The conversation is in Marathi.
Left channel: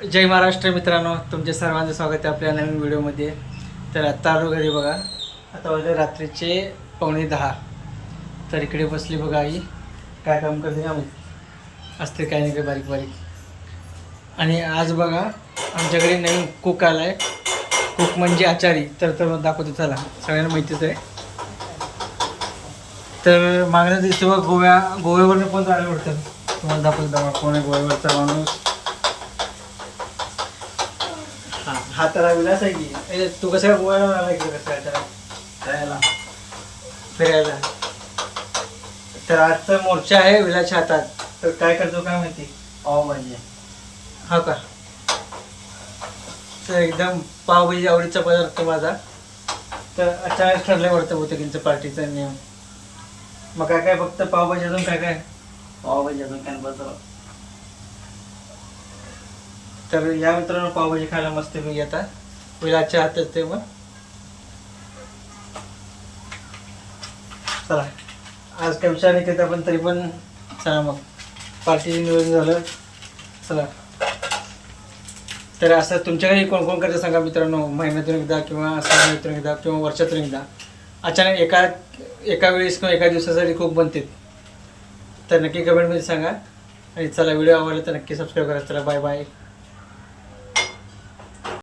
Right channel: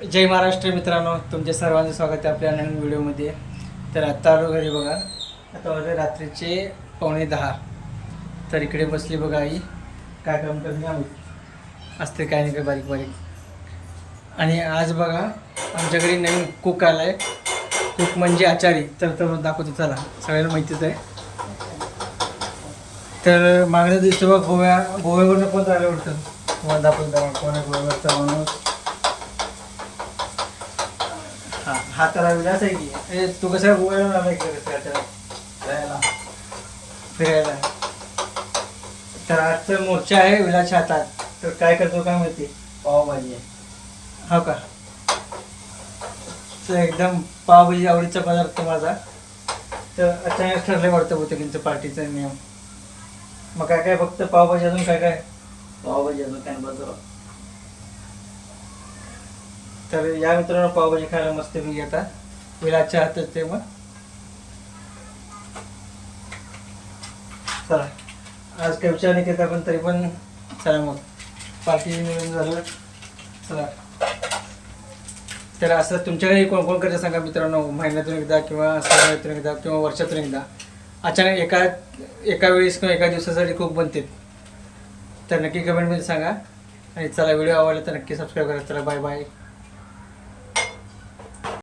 जय महाराष्ट्र मित्रांनो, तुमचे सर्वांचं स्वागत आहे आपल्या नवीन व्हिडिओमध्ये. तर आत्ता आलो घरी बघा. आता वाजले रात्रीचे 9:45. तर इकडे बसली बघा आई. काय काम करते का माहिती, असते काय नाही काय बारीक बारीक. आणि आज बघा आमच्या घरी नवीन कुक आला आहे. कुक म्हणजे आचारी. तर दाखवतो चला, सगळ्यांना माहितीच आहे. तर मागल्या दिवशी बघा गोव्यावरनं कोण आलं वाटतं, तुम्हाला दाखवतो बघा कोण आहे गोव्यावरचा माणूस. हा त्याला विलास आहे की तू कसं गोव्याला आला इकडे कसं त्याला जायला फिरायला. तर आजचा मोर्चा आहे विलासच्या हातात. तर काय करतो काय माहिती, पावभाजी. हा का, तर एकदम पावभाजी आवडीचा पदार्थ माझा. तर अचानक ठरलं वाटतं बहुतेक त्यांचं पार्टीचा नियम. मग काय काय फक्त पावभाजी, अजून काय काय पावभाजी अजून काय बदल. तर या मित्रांनो पावभाजी खायला मस्त मी आता विलासच्या हातात ते. मग चला, आज काय विचार नाही करता पण तरी पण चला मग पार्टी नियोजन झालं. चला, तर असं तुमच्याकडे कोण कोण करते सांगा मित्रांनो. महिन्यातून एकदा किंवा 6 महिन्यातून एकदा किंवा वर्षातून एकदा अचानक एका वेळेस किंवा एका दिवसासाठी खूप बनते. तर नक्की कमेंटमध्ये सांगा. आणि चला, व्हिडिओ आवडला तर नक्की सबस्क्राईब करा. चला, बाय बाय.